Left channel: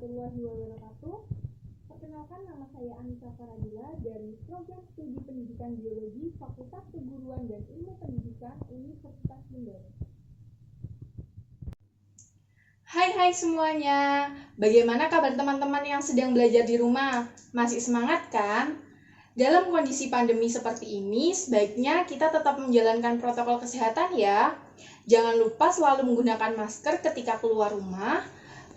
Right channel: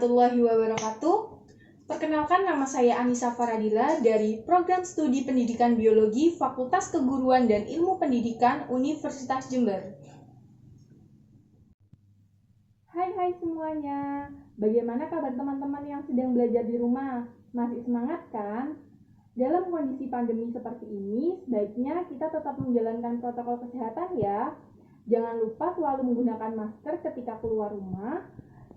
warahmatullahi wabarakatuh. Perkenalkan, nama saya Anissa Faradila dari Program Studi Pendidikan Biologi Fakultas Keguruan dan Ilmu Pendidikan Universitas Jember. Hai semuanya, bagaimana kabar teman-teman yang sedang belajar di rumah? Masih semangat kan? Dalam kondisi pandemi seperti ini, sebaiknya kita tetap menjalankan protokol kesehatan ya. Jangan lupa selalu menggunakan masker ketika keluar rumah,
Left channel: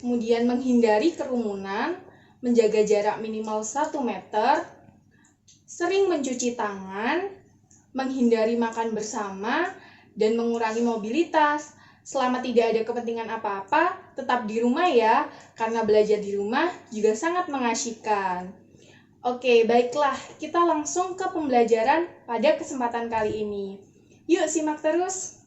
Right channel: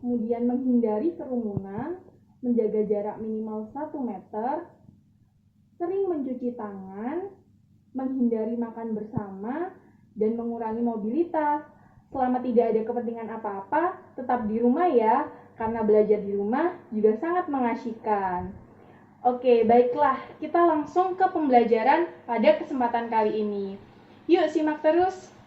kemudian menghindari kerumunan, menjaga jarak minimal 1 meter, sering mencuci tangan, menghindari makan bersama, dan mengurangi mobilitas. Selama tidak ada kepentingan apa-apa, tetap di rumah ya, karena belajar di rumah juga sangat mengasyikkan. Oke, baiklah, kita langsung ke pembelajaran pada kesempatan kali ini. Yuk, simak terus.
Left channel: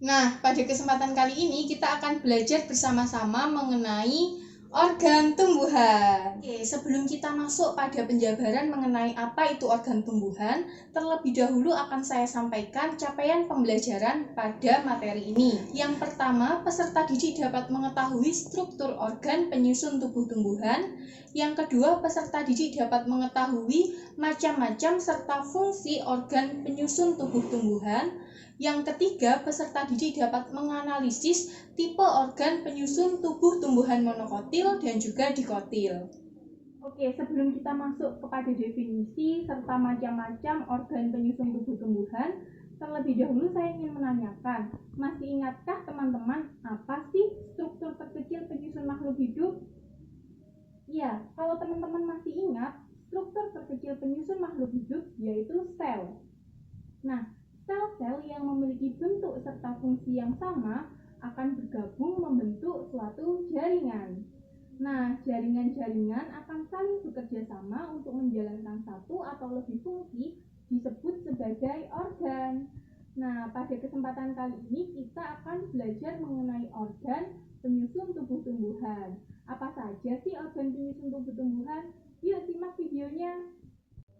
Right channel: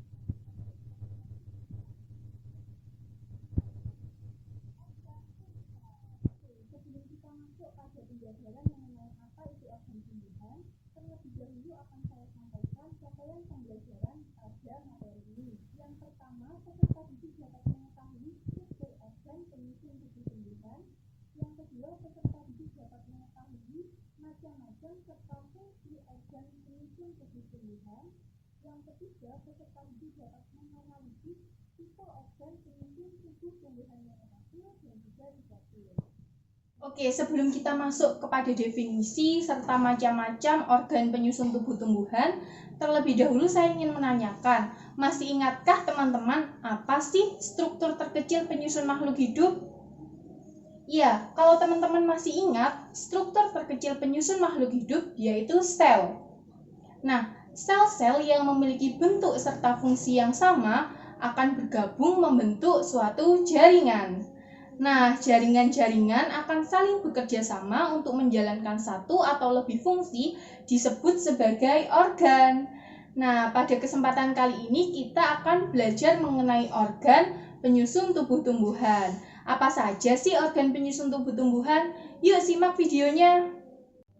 Nah, pada kesempatan kali ini kita akan belajar bersama-sama mengenai organ tumbuhan. Oke, sebelum kita masuk pada penjabaran mengenai apa itu organ tumbuhan, terlebih dahulu akan saya sampaikan capaian pembelajaran pada materi ini. Yang pertama, peserta didik dapat mengetahui struktur organ penyusun tubuh tumbuhan. Yang kedua, peserta didik dapat mengetahui macam-macam serta fungsi organ penyusun tubuh tumbuhan. Yang ketiga, peserta didik dapat menganalisis tipe organ penyusun tubuh tumbuhan monokotil dan juga dikotil. Oke, sebelum kita masuk kepada definisi serta macam-macam organ penyusun tubuh tumbuhan, terlebih dahulu saya ingin menanyakan, masih ingatkah teman-teman apa sih struktur terkecil penyusun makhluk hidup? Ya, kalau teman-teman masih ingat, struktur terkecil penyusun makhluk hidup yaitu sel. Nah, sel-sel yang memiliki bentuk serta fungsi yang sama akan bergabung membentuk suatu jaringan. Nah, jaringan-jaringan akan saling bekerja sama untuk menjalankan satu atau lebih fungsi disebut sebagai organ. Nah, pada kesempatan kali ini kita akan belajar mengenai organ penyusun tubuh tumbuhan. Apa saja sih organ penyusun tubuh tumbuhan? Yuk simak videonya.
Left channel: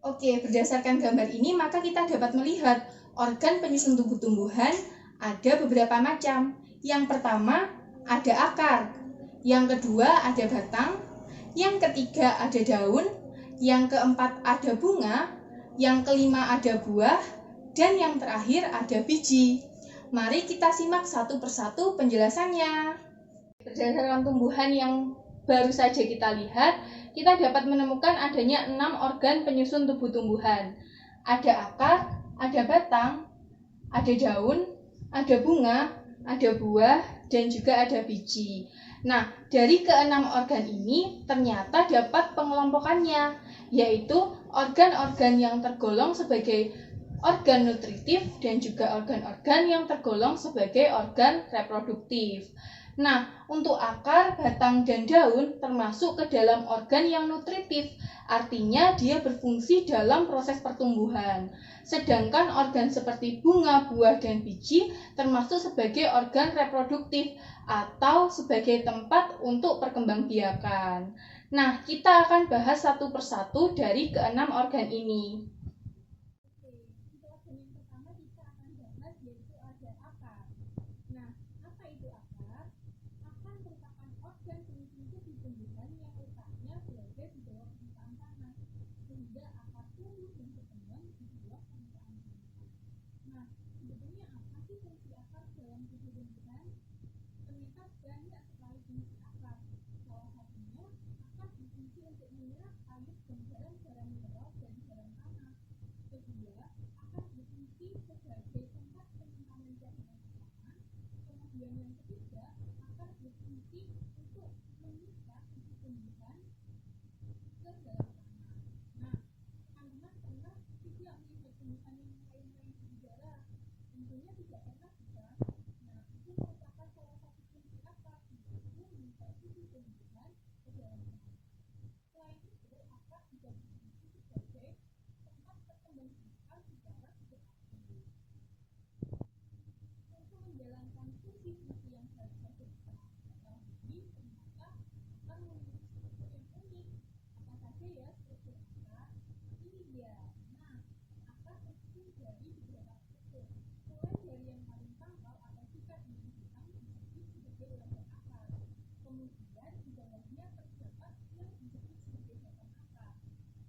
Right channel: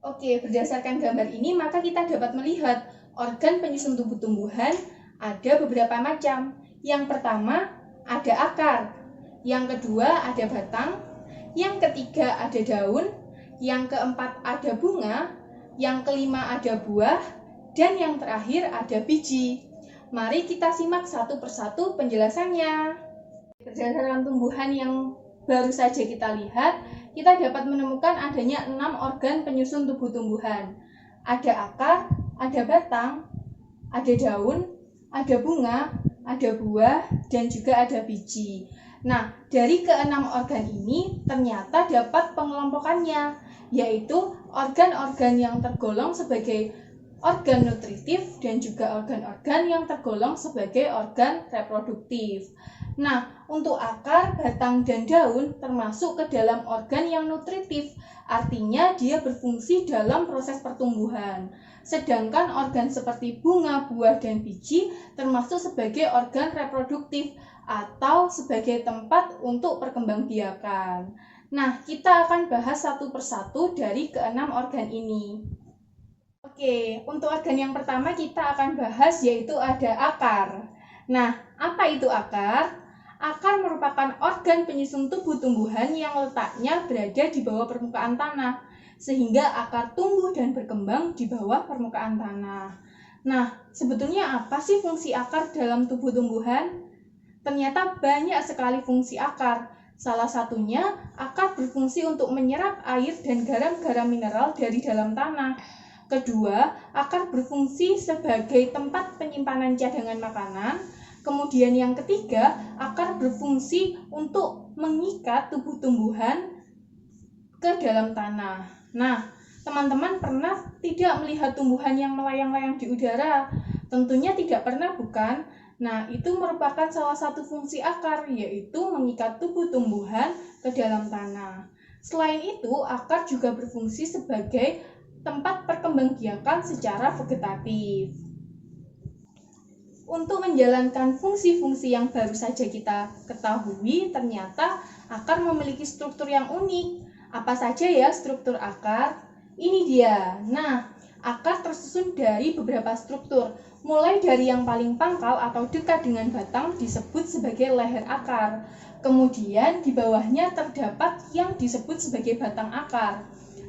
Oke, berdasarkan gambar ini maka kita dapat melihat organ penyusun tubuh tumbuhan ada beberapa macam. Yang pertama ada akar, yang kedua ada batang, yang ketiga ada daun, yang keempat ada bunga, yang kelima ada buah, dan yang terakhir ada biji. Mari kita simak satu persatu penjelasannya. Berdasarkan tumbuhan yang baru saja kita lihat, kita dapat menemukan adanya 6 organ penyusun tubuh tumbuhan. Ada akar, ada batang, ada daun, ada bunga, ada buah, dan juga ada biji. Nah, dari keenam organ ini ternyata dapat pengelompokannya, yaitu organ-organ yang tergolong sebagai organ nutritif dan juga organ-organ yang tergolong sebagai organ reproduktif. Nah, untuk akar, batang, dan daun termasuk ke dalam organ yang nutritif, artinya dia berfungsi dalam proses pertumbuhan. Sedangkan organ seperti bunga, buah, dan biji termasuk sebagai organ reproduktif atau sebagai tempat untuk perkembangbiakan. Nah, kita akan bahas satu persatu dari keenam organ ini. Oke, untuk organ yang pertama kita akan bahas yaitu ada akar. Nah, apa itu akar? Akar merupakan organ penyusun tubuh tumbuhan yang letaknya berada di bawah permukaan tanah, sehingga akar tumbuh dan berkembang di bawah permukaan tanah. Nah, sebetulnya apa sih fungsi akar dalam tubuh tumbuhan? Ternyata banyak sekali fungsi akar. Salah satunya, akar berfungsi untuk menyerap air dan garam-garam mineral dari dalam tanah. Kedua, akar berfungsi sebagai tempat penyimpanan cadangan makanan. Kemudian yang ketiga, akar berfungsi untuk mengikat tubuh tumbuhan ke dalam tanah. Nah, teman-teman pernah tidak melihat tumbuhan yang melayang-layang di udara? Tentunya tidak pernah, bukan? Nah, itu merupakan salah satu fungsi akar, yaitu mengikat tubuh tumbuhan ke dalam tanah. Selain itu, akar juga berfungsi sebagai tempat perkembangbiakan secara vegetatif. Untuk menjalankan fungsi-fungsi yang baru saja kita ketahui, ternyata akar memiliki struktur yang unik. Apa saja ya struktur akar? Ini dia. Nah, akar tersusun dari beberapa struktur. Mulai dari yang paling pangkal atau dekat dengan batang disebut sebagai leher akar. Kemudian di bawahnya terdapat yang disebut sebagai batang akar.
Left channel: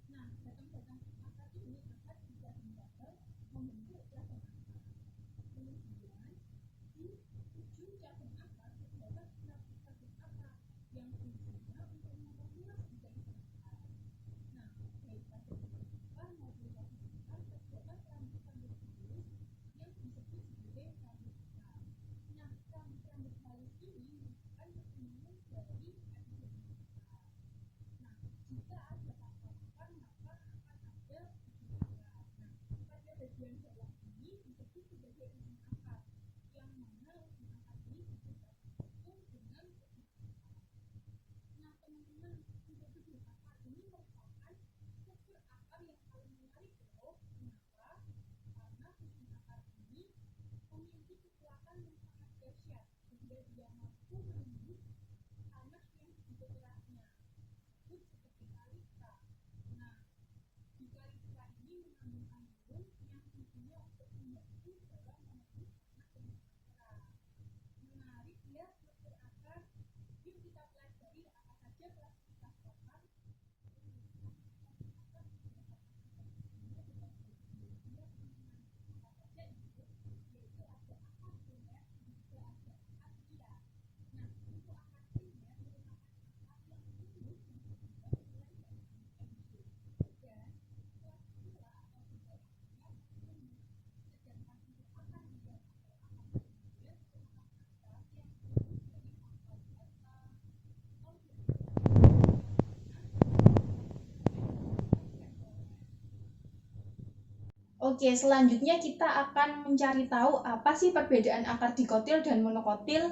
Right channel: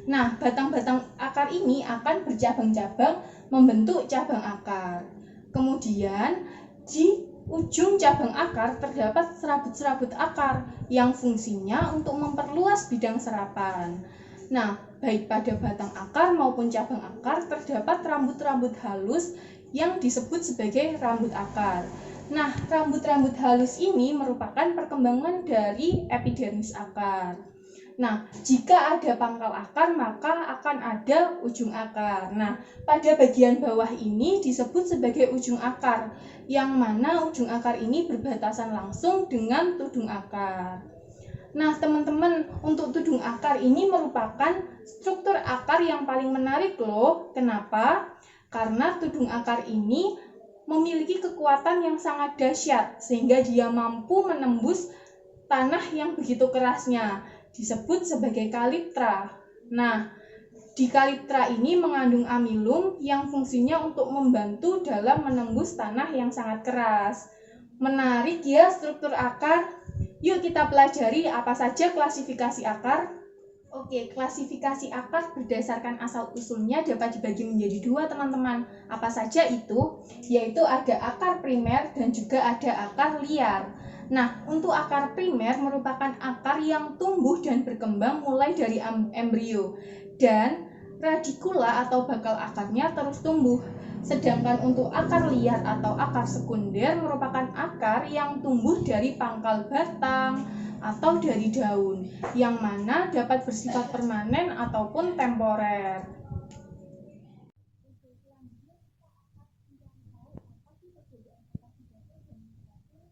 Nah, batang-batang akar ini akan bercabang-cabang membentuk cabang akar. Kemudian di ujung cabang akar terdapat serabut-serabut akar yang fungsinya untuk memperluas bidang serapan. Nah, baik pada batang akar maupun cabang akar terdapat rambut-rambut halus yang disebut sebagai rambut akar. Nah, rambut-rambut halus ini merupakan perkembangan dari epidermis akar. Nah, jika ada pangkal akar, maka akan ada ujung akar. Nah, pada bagian bawah ini disebut sebagai ujung akar, yang mana ujung akar ini berbatasan langsung dengan tudung akar. Nah, teman-teman, untuk tudung akar ini merupakan struktur akar yang paling menarik loh. Kenapa? Karena tudung akar ini memiliki kekuatan yang sangat dahsyat, sehingga dia mampu menembus tanah yang begitu kerasnya. Disebut sebagai kaliptra. Nah, di kaliptra ini mengandung amilum yang fungsinya untuk membantu dalam menembus tanah yang sangat keras. Menarik ya struktur akar. Yuk kita pelajari apa saja klasifikasi akar. Oke, klasifikasi akar berdasarkan asal-usulnya dapat dibagi menjadi dua, teman-teman. Apa saja itu? Yaitu ada akar primer dan juga ada akar liar. Nah, untuk akar primer merupakan akar yang tumbuh dan berkembang mulai dari embrio dan radikula atau bakal akarnya terus tumbuh. Sedangkan untuk akar liar atau akar sekunder merupakan akar yang tumbuh dari pangkal batang atau dari daun, yang mana dapat bersifat permanen ataupun temporer. Oke, selanjutnya kita akan mencari tahu apa sih perbedaan akar dikotil dan monokotil.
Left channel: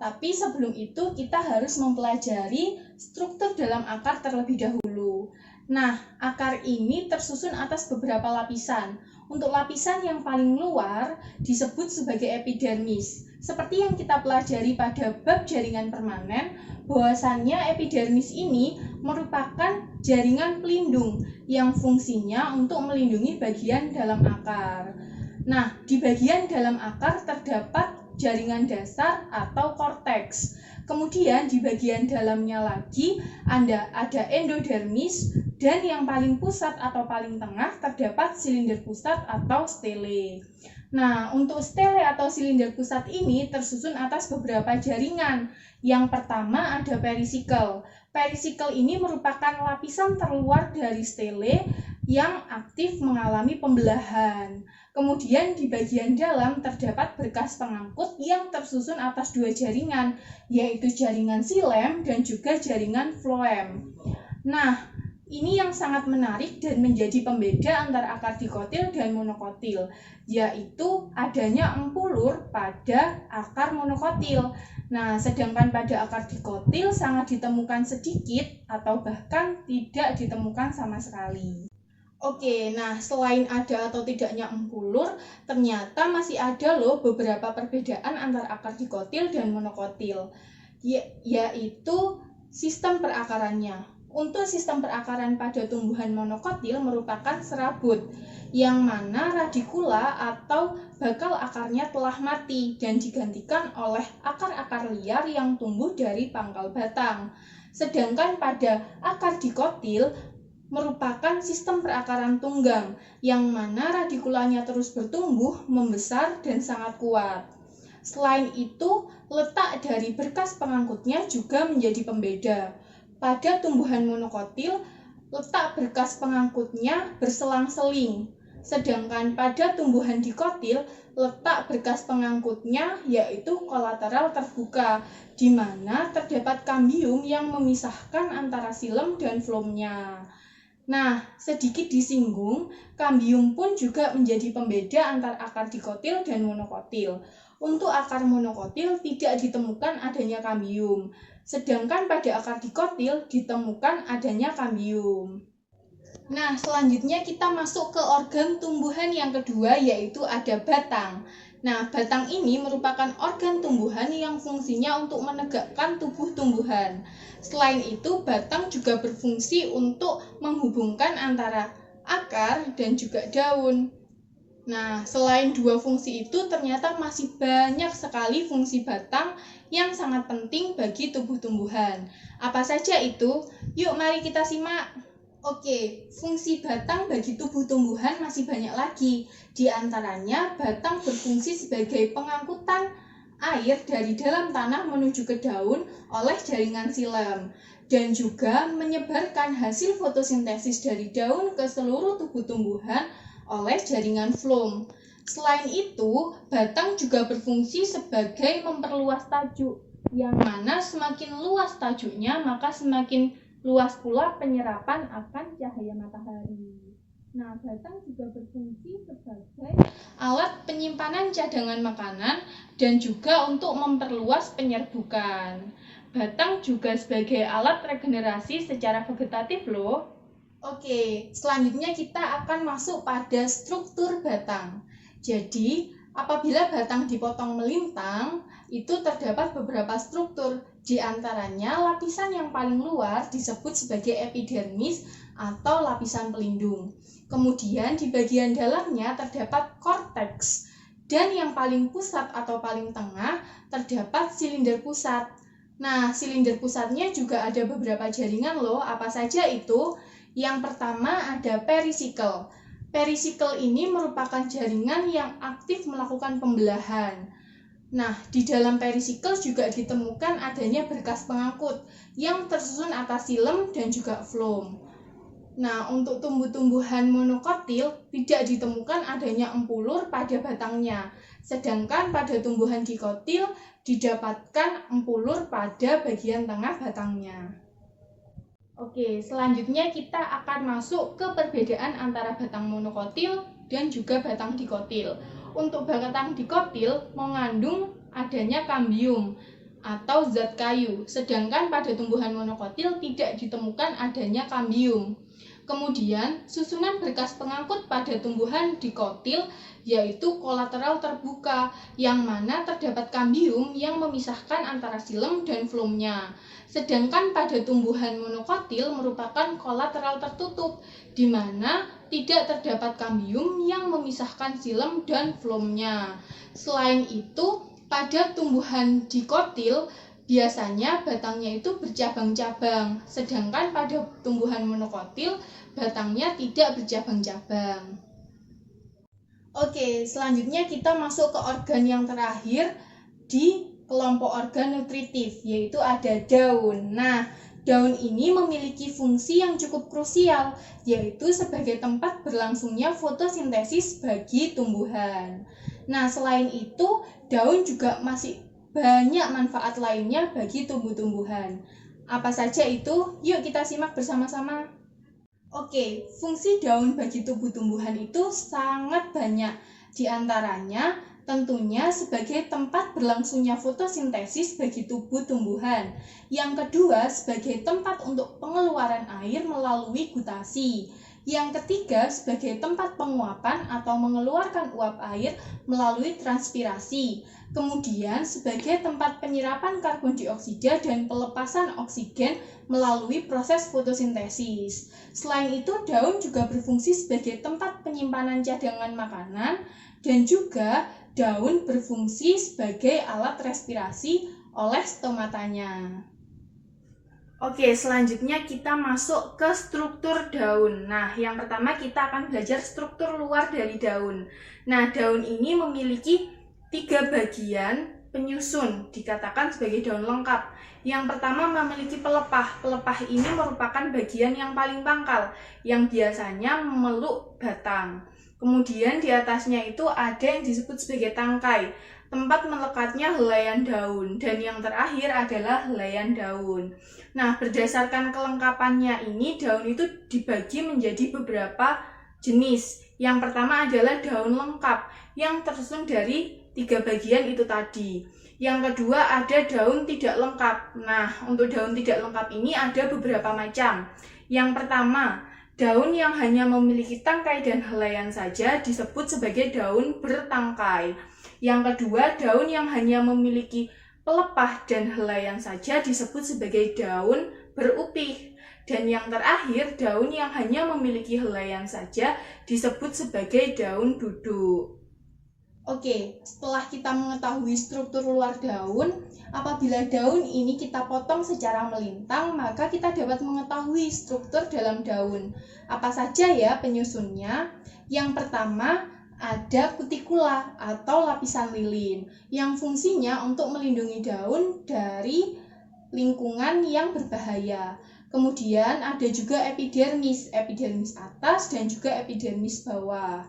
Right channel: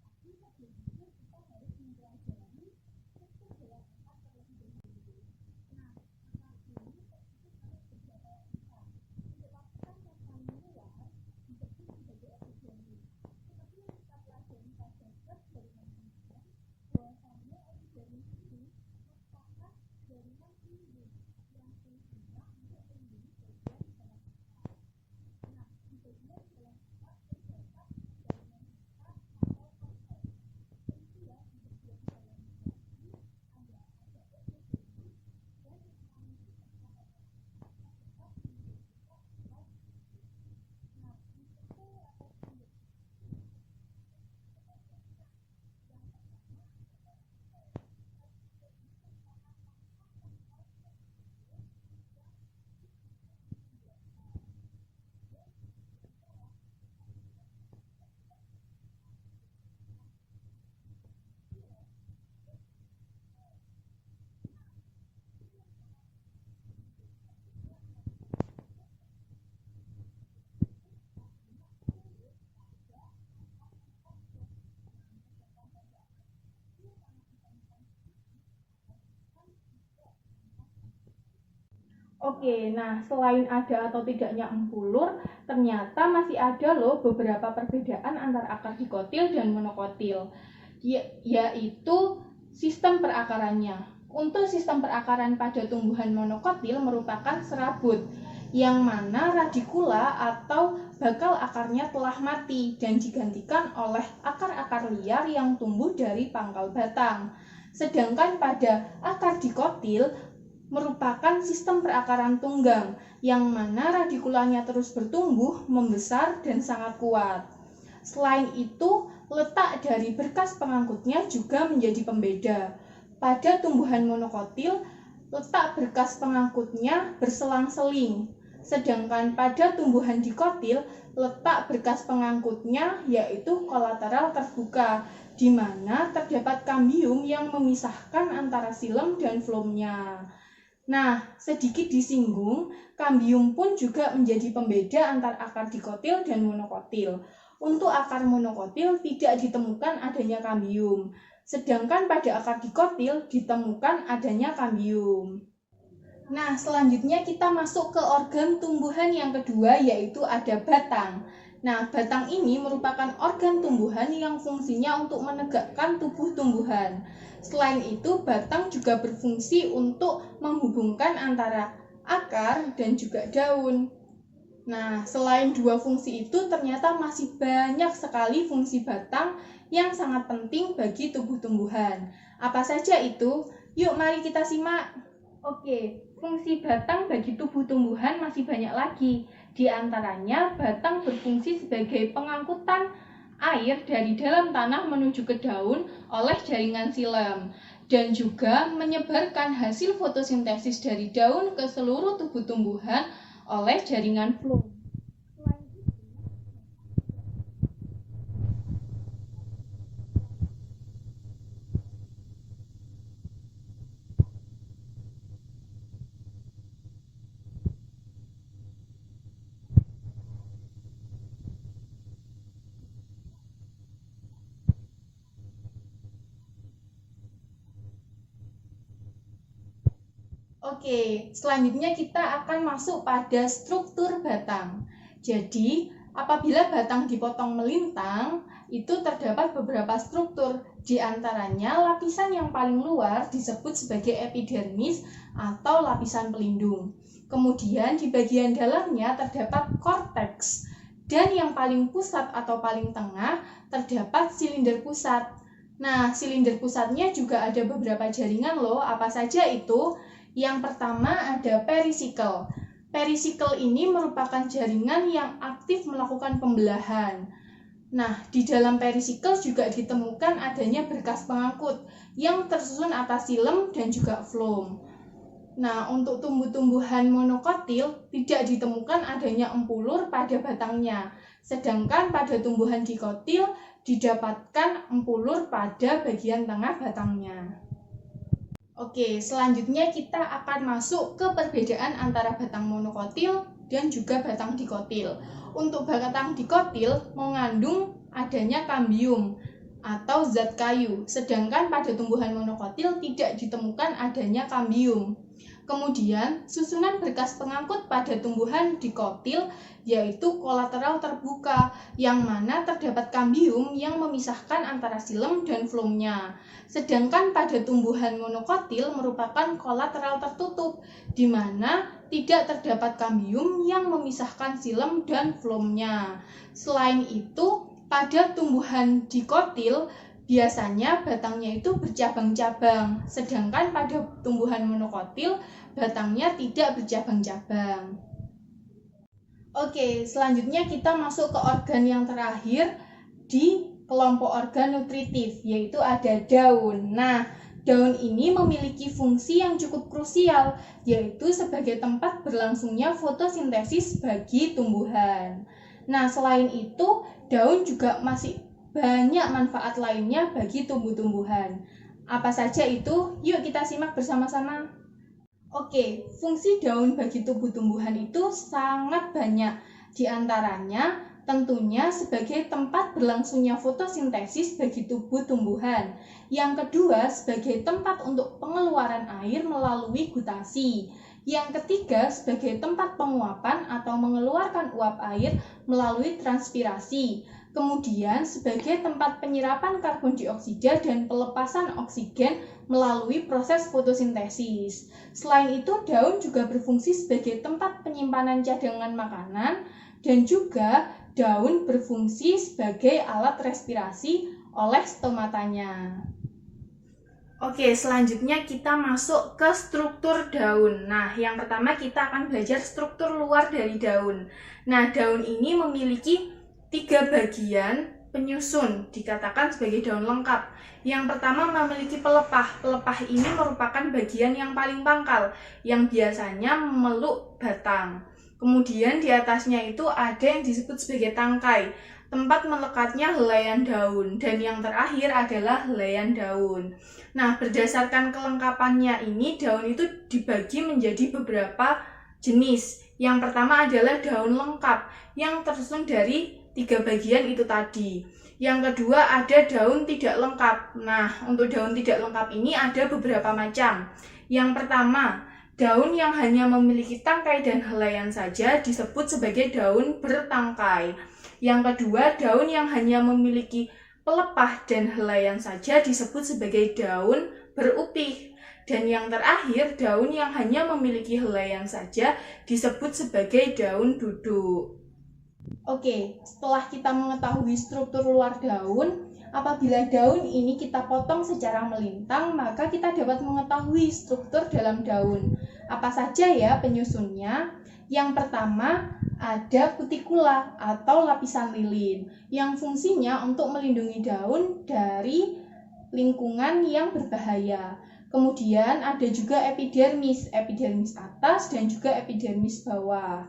Tapi sebelum itu kita harus mempelajari struktur dalam akar terlebih dahulu. Nah, akar ini tersusun atas beberapa lapisan. Untuk lapisan yang paling luar disebut sebagai epidermis. Seperti yang kita pelajari pada bab jaringan permanen, bahwasannya epidermis ini merupakan jaringan pelindung yang fungsinya untuk melindungi bagian dalam akar. Nah, di bagian dalam akar terdapat jaringan dasar atau korteks. Kemudian di bagian dalamnya lagi ada endodermis, dan yang paling pusat atau paling tengah terdapat silinder pusat atau stele. Nah, untuk stele atau silinder pusat ini tersusun atas beberapa jaringan. Yang pertama ada perisikel. Perisikel ini merupakan lapisan terluar dari stele yang aktif mengalami pembelahan. Kemudian di bagian dalam terdapat berkas pengangkut yang tersusun atas dua jaringan, yaitu jaringan xilem dan juga jaringan floem. Nah, ini yang sangat menarik dan menjadi pembeda antara akar dikotil dan monokotil, yaitu adanya empulur pada akar monokotil. Nah, sedangkan pada akar dikotil sangat ditemukan sedikit atau bahkan tidak ditemukan sama sekali. Oke, nah selain ada atau tidaknya empulur, ternyata masih ada loh beberapa perbedaan antara akar dikotil dan monokotil, yaitu sistem perakarannya. Untuk sistem perakaran pada tumbuhan monokotil merupakan serabut, yang mana radikula atau bakal akarnya telah mati dan digantikan oleh akar-akar liar yang tumbuh dari pangkal batang. Sedangkan pada akar dikotil merupakan sistem perakaran tunggang, yang mana radikulanya terus bertumbuh, membesar, dan sangat kuat. Selain itu, letak dari berkas pengangkutnya juga menjadi pembeda. Pada tumbuhan monokotil, letak berkas pengangkutnya berselang-seling. Sedangkan pada tumbuhan dikotil, letak berkas pengangkutnya yaitu kolateral terbuka, di mana terdapat kambium yang memisahkan antara xilem dan floemnya. Nah, sedikit disinggung, kambium pun juga menjadi pembeda antara akar dikotil dan monokotil. Untuk akar monokotil tidak ditemukan adanya kambium, sedangkan pada akar dikotil ditemukan adanya kambium. Nah, selanjutnya kita masuk ke organ tumbuhan yang kedua, yaitu ada batang. Nah, batang ini merupakan organ tumbuhan yang fungsinya untuk menegakkan tubuh tumbuhan. Selain itu, batang juga berfungsi untuk menghubungkan antara akar dan juga daun. Nah, selain dua fungsi itu, ternyata masih banyak sekali fungsi batang yang sangat penting bagi tubuh tumbuhan. Apa saja itu? Yuk, mari kita simak. Oke, fungsi batang bagi tubuh tumbuhan masih banyak lagi. Di antaranya, batang berfungsi sebagai pengangkutan air dari dalam tanah menuju ke daun oleh jaringan silem, dan juga menyebarkan hasil fotosintesis dari daun ke seluruh tubuh tumbuhan oleh jaringan floem. Selain itu, batang juga berfungsi sebagai memperluas tajuk, yang mana semakin luas tajuknya, maka semakin luas pula penyerapan akan cahaya matahari. Nah, batang juga berfungsi sebagai alat penyimpanan cadangan makanan dan juga untuk memperluas penyerbukan. Batang juga sebagai alat regenerasi secara vegetatif loh. Oke, selanjutnya kita akan masuk pada struktur batang. Jadi, apabila batang dipotong melintang, itu terdapat beberapa struktur. Di antaranya, lapisan yang paling luar disebut sebagai epidermis atau lapisan pelindung. Kemudian, di bagian dalamnya terdapat korteks. Dan yang paling pusat atau paling tengah terdapat silinder pusat. Nah, silinder pusatnya juga ada beberapa jaringan loh. Apa saja itu? Yang pertama ada perisikel. Perisikel ini merupakan jaringan yang aktif melakukan pembelahan. Nah, di dalam perisikel juga ditemukan adanya berkas pengangkut yang tersusun atas silem dan juga floem. Nah, untuk tumbuh-tumbuhan monokotil tidak ditemukan adanya empulur pada batangnya, sedangkan pada tumbuhan dikotil didapatkan empulur pada bagian tengah batangnya. Oke, selanjutnya kita akan masuk ke perbedaan antara batang monokotil dan juga batang dikotil. Untuk batang dikotil mengandung adanya kambium atau zat kayu, sedangkan pada tumbuhan monokotil tidak ditemukan adanya kambium. Kemudian, susunan berkas pengangkut pada tumbuhan dikotil yaitu kolateral terbuka, yang mana terdapat kambium yang memisahkan antara silem dan floemnya. Sedangkan pada tumbuhan monokotil merupakan kolateral tertutup, di mana tidak terdapat kambium yang memisahkan silem dan floemnya. Selain itu, pada tumbuhan dikotil biasanya batangnya itu bercabang-cabang, sedangkan pada tumbuhan monokotil batangnya tidak bercabang-cabang. Oke, selanjutnya kita masuk ke organ yang terakhir di kelompok organ nutritif, yaitu ada daun. Nah, daun ini memiliki fungsi yang cukup krusial, yaitu sebagai tempat berlangsungnya fotosintesis bagi tumbuhan. Nah, selain itu, daun juga masih banyak manfaat lainnya bagi tumbuh-tumbuhan. Apa saja itu? Yuk kita simak bersama-sama. Oke, fungsi daun bagi tumbuh-tumbuhan itu sangat banyak. Di antaranya, tentunya sebagai tempat berlangsungnya fotosintesis bagi tubuh tumbuhan. Yang kedua, sebagai tempat untuk pengeluaran air melalui gutasi. Yang ketiga, sebagai tempat penguapan atau mengeluarkan uap air melalui transpirasi. Kemudian, sebagai tempat penyerapan karbon dioksida dan pelepasan oksigen melalui proses fotosintesis. Selain itu, daun juga berfungsi sebagai tempat penyimpanan cadangan makanan, dan juga daun berfungsi sebagai alat respirasi oleh stomatanya. Oke, selanjutnya kita masuk ke struktur daun. Nah, yang pertama kita akan belajar struktur luar dari daun. Nah, daun ini memiliki 3 bagian penyusun, dikatakan sebagai daun lengkap. Yang pertama memiliki pelepah. Pelepah ini merupakan bagian yang paling pangkal, yang biasanya memeluk batang. Kemudian di atasnya itu ada yang disebut sebagai tangkai, tempat melekatnya helaian daun. Dan yang terakhir adalah helaian daun. Nah, berdasarkan kelengkapannya ini, daun itu dibagi menjadi beberapa jenis. Yang pertama adalah daun lengkap, yang tersusun dari 3 bagian itu tadi. Yang kedua ada daun tidak lengkap. Nah, untuk daun tidak lengkap ini ada beberapa macam. Yang pertama, daun yang hanya memiliki tangkai dan helaian saja disebut sebagai daun bertangkai. Yang kedua, daun yang hanya memiliki pelepah dan helaian saja disebut sebagai daun berupih. Dan yang terakhir, daun yang hanya memiliki helaian saja disebut sebagai daun duduk. Oke, setelah kita mengetahui struktur luar daun, apabila daun ini kita potong secara melintang, maka kita dapat mengetahui struktur dalam daun. Apa saja ya penyusunnya? Yang pertama, ada kutikula atau lapisan lilin yang fungsinya untuk melindungi daun dari lingkungan yang berbahaya. Kemudian ada juga epidermis atas dan juga epidermis bawah.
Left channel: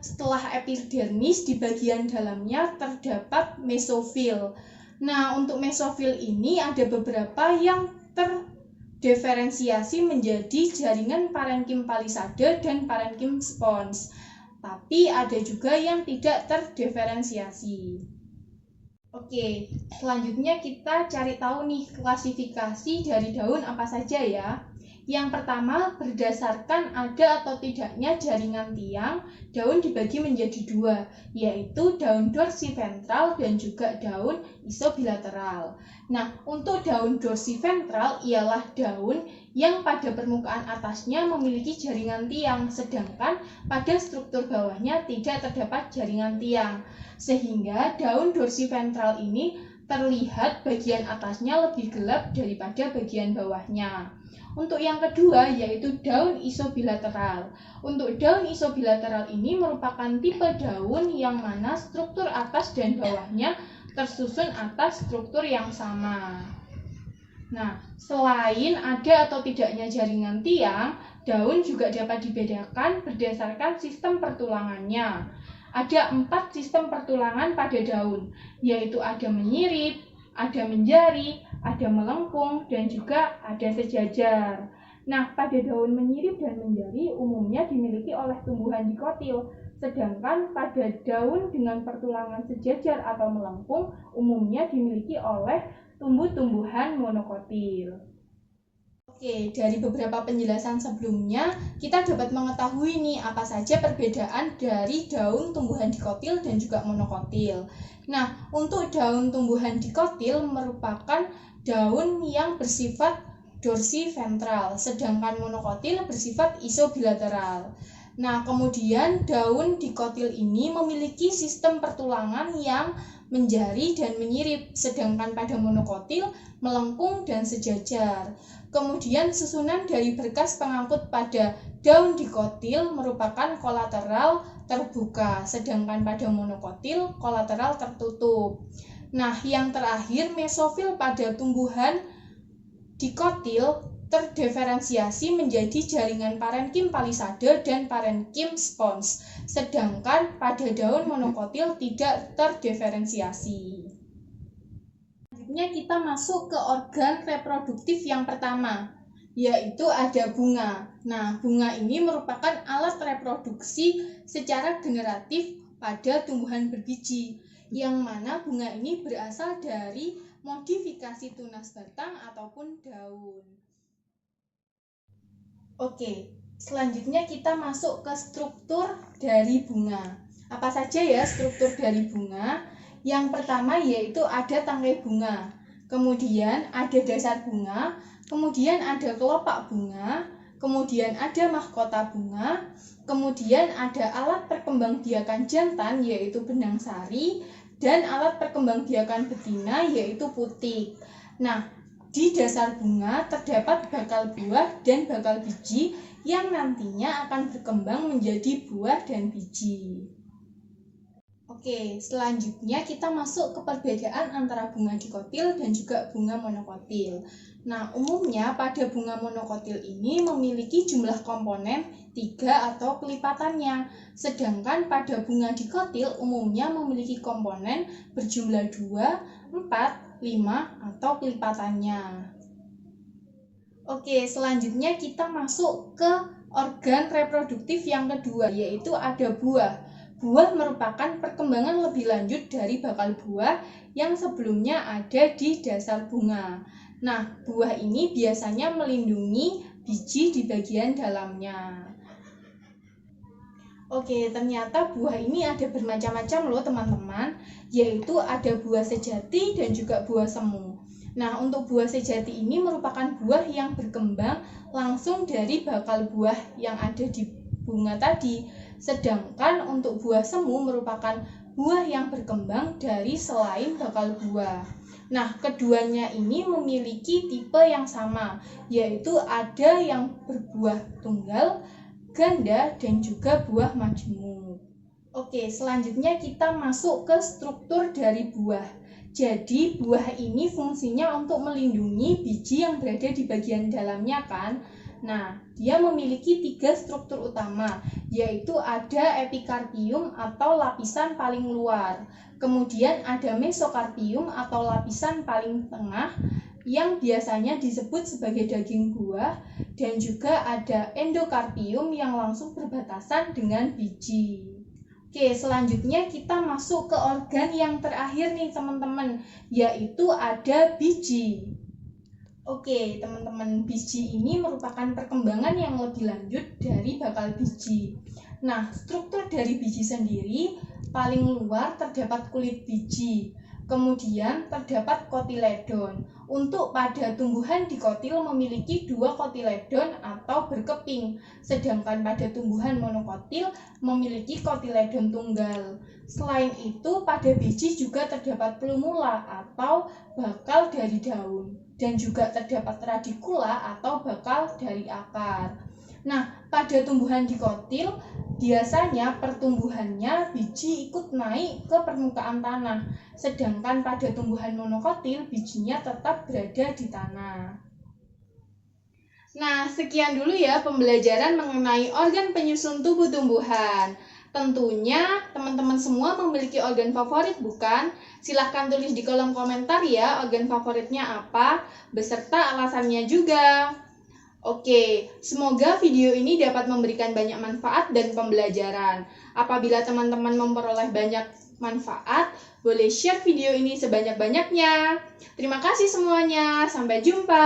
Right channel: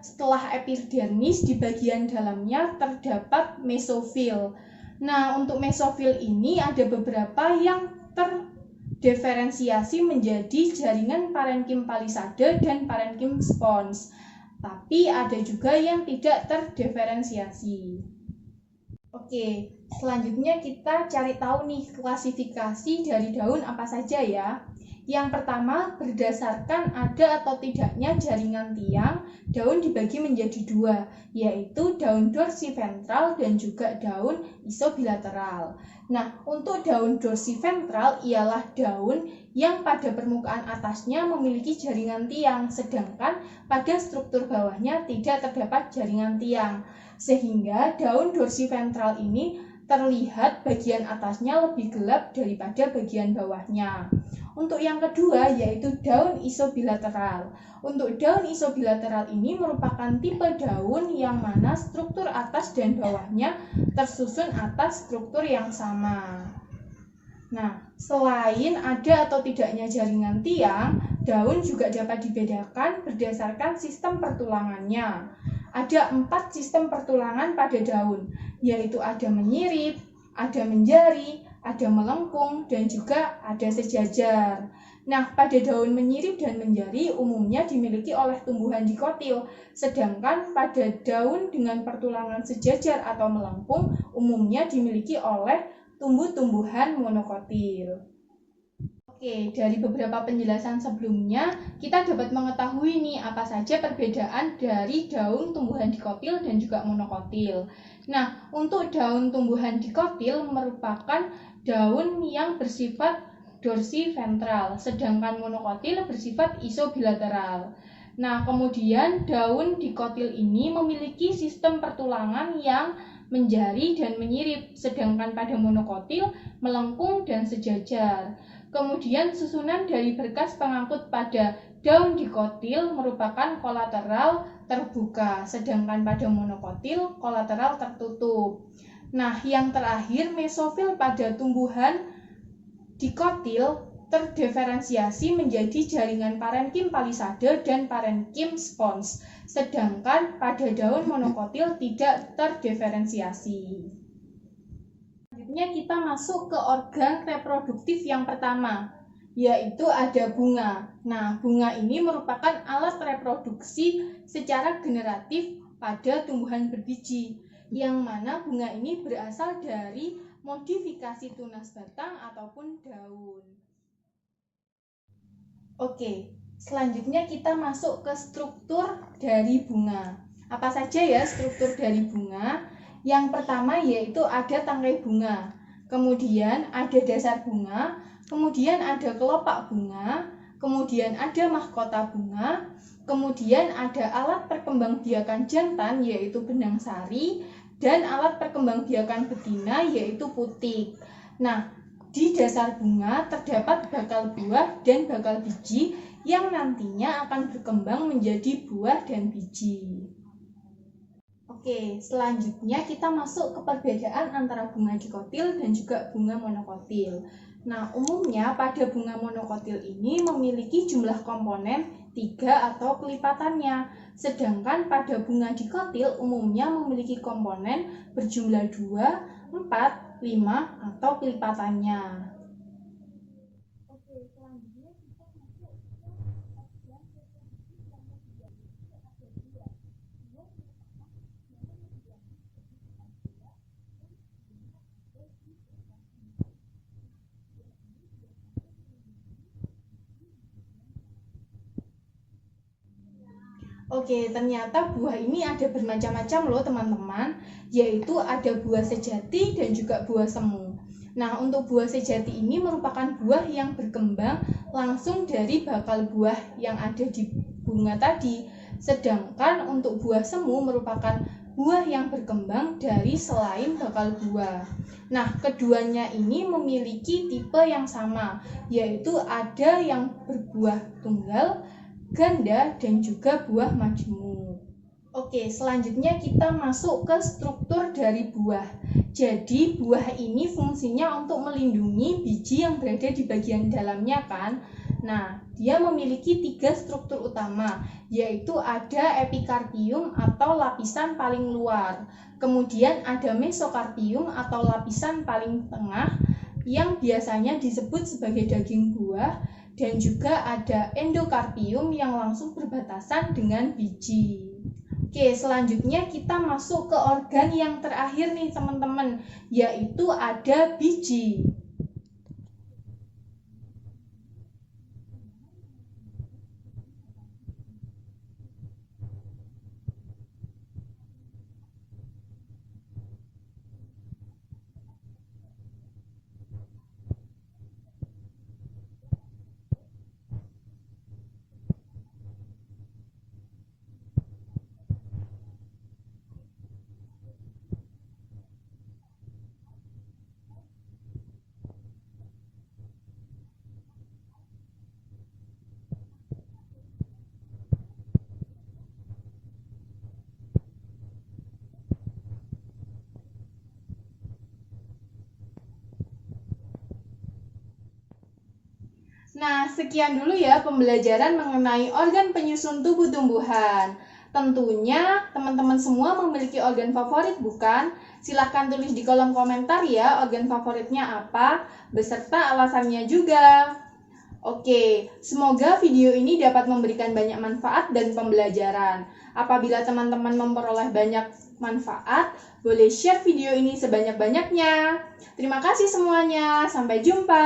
Setelah epidermis, di bagian dalamnya terdapat mesofil. Nah, untuk mesofil ini ada beberapa yang terdiferensiasi menjadi jaringan parenkim palisade dan parenkim spons. Tapi ada juga yang tidak terdiferensiasi. Oke, selanjutnya kita cari tahu nih klasifikasi dari daun apa saja ya. Yang pertama, berdasarkan ada atau tidaknya jaringan tiang, daun dibagi menjadi dua, yaitu daun dorsiventral dan juga daun isobilateral. Nah, untuk daun dorsiventral ialah daun yang pada permukaan atasnya memiliki jaringan tiang, sedangkan pada struktur bawahnya tidak terdapat jaringan tiang. Sehingga daun dorsiventral ini terlihat bagian atasnya lebih gelap daripada bagian bawahnya. Untuk yang kedua yaitu daun isobilateral. Untuk daun isobilateral ini merupakan tipe daun yang mana struktur atas dan bawahnya tersusun atas struktur yang sama. Nah, selain ada atau tidaknya jaringan tiang, daun juga dapat dibedakan berdasarkan sistem pertulangannya. Ada 4 sistem pertulangan pada daun, yaitu ada menyirip, ada menjari, ada melengkung, dan juga ada sejajar. Nah, pada daun menyirip dan menjari umumnya dimiliki oleh tumbuhan dikotil, sedangkan pada daun dengan pertulangan sejajar atau melengkung umumnya dimiliki oleh tumbuh-tumbuhan monokotil. Oke, dari beberapa penjelasan sebelumnya, kita dapat mengetahui nih apa saja perbedaan dari daun tumbuhan dikotil dan juga monokotil. Nah, untuk daun tumbuhan dikotil merupakan daun yang bersifat dorsiventral, sedangkan monokotil bersifat isobilateral. Nah, kemudian daun dikotil ini memiliki sistem pertulangan yang menjari dan menyirip, sedangkan pada monokotil melengkung dan sejajar. Kemudian susunan dari berkas pengangkut pada daun dikotil merupakan kolateral terbuka, sedangkan pada monokotil kolateral tertutup. Nah, yang terakhir mesofil pada tumbuhan dikotil terdiferensiasi menjadi jaringan parenkim palisade dan parenkim spons, sedangkan pada daun monokotil tidak terdiferensiasi. Selanjutnya kita masuk ke organ reproduktif yang pertama, yaitu ada bunga. Nah, bunga ini merupakan alat reproduksi secara generatif pada tumbuhan berbiji, yang mana bunga ini berasal dari modifikasi tunas batang ataupun daun. Oke, selanjutnya kita masuk ke struktur dari bunga. Apa saja ya struktur dari bunga? Yang pertama yaitu ada tangkai bunga, kemudian ada dasar bunga, kemudian ada kelopak bunga, kemudian ada mahkota bunga, kemudian ada alat perkembangbiakan jantan yaitu benang sari, dan alat perkembangbiakan betina yaitu putik. Nah, di dasar bunga terdapat bakal buah dan bakal biji yang nantinya akan berkembang menjadi buah dan biji. Oke, selanjutnya kita masuk ke perbedaan antara bunga dikotil dan juga bunga monokotil. Nah, umumnya pada bunga monokotil ini memiliki jumlah komponen 3 atau kelipatannya, sedangkan pada bunga dikotil umumnya memiliki komponen berjumlah 2, 4, 5 atau kelipatannya. Oke, selanjutnya kita masuk ke organ reproduktif yang kedua, yaitu ada buah. Buah merupakan perkembangan lebih lanjut dari bakal buah yang sebelumnya ada di dasar bunga. Nah, buah ini biasanya melindungi biji di bagian dalamnya. Oke, ternyata buah ini ada bermacam-macam loh teman-teman, yaitu ada buah sejati dan juga buah semu. Nah, untuk buah sejati ini merupakan buah yang berkembang langsung dari bakal buah yang ada di bunga tadi. Sedangkan untuk buah semu merupakan buah yang berkembang dari selain bakal buah. Nah, keduanya ini memiliki tipe yang sama, yaitu ada yang berbuah tunggal, ganda, dan juga buah majemuk. Oke, selanjutnya kita masuk ke struktur dari buah. Jadi, buah ini fungsinya untuk melindungi biji yang berada di bagian dalamnya kan. Nah, dia memiliki 3 struktur utama, yaitu ada epikarpium atau lapisan paling luar. Kemudian ada mesokarpium atau lapisan paling tengah yang biasanya disebut sebagai daging buah, dan juga ada endokarpium yang langsung berbatasan dengan biji. Oke, selanjutnya kita masuk ke organ yang terakhir nih teman-teman, yaitu ada biji. Oke, teman-teman, biji ini merupakan perkembangan yang lebih lanjut dari bakal biji. Nah, struktur dari biji sendiri, paling luar terdapat kulit biji, kemudian terdapat kotiledon. Untuk pada tumbuhan dikotil memiliki 2 kotiledon atau berkeping, sedangkan pada tumbuhan monokotil memiliki kotiledon tunggal. Selain itu, pada biji juga terdapat plumula atau bakal dari daun, dan juga terdapat radikula atau bakal dari akar. Nah, pada tumbuhan dikotil, biasanya pertumbuhannya biji ikut naik ke permukaan tanah, sedangkan pada tumbuhan monokotil bijinya tetap berada di tanah. Nah, sekian dulu ya pembelajaran mengenai organ penyusun tubuh tumbuhan. Tentunya teman-teman semua memiliki organ favorit bukan? Silahkan tulis di kolom komentar ya organ favoritnya apa, beserta alasannya juga. Oke, semoga video ini dapat memberikan banyak manfaat dan pembelajaran. Apabila teman-teman memperoleh banyak manfaat, boleh share video ini sebanyak-banyaknya. Terima kasih semuanya, sampai jumpa.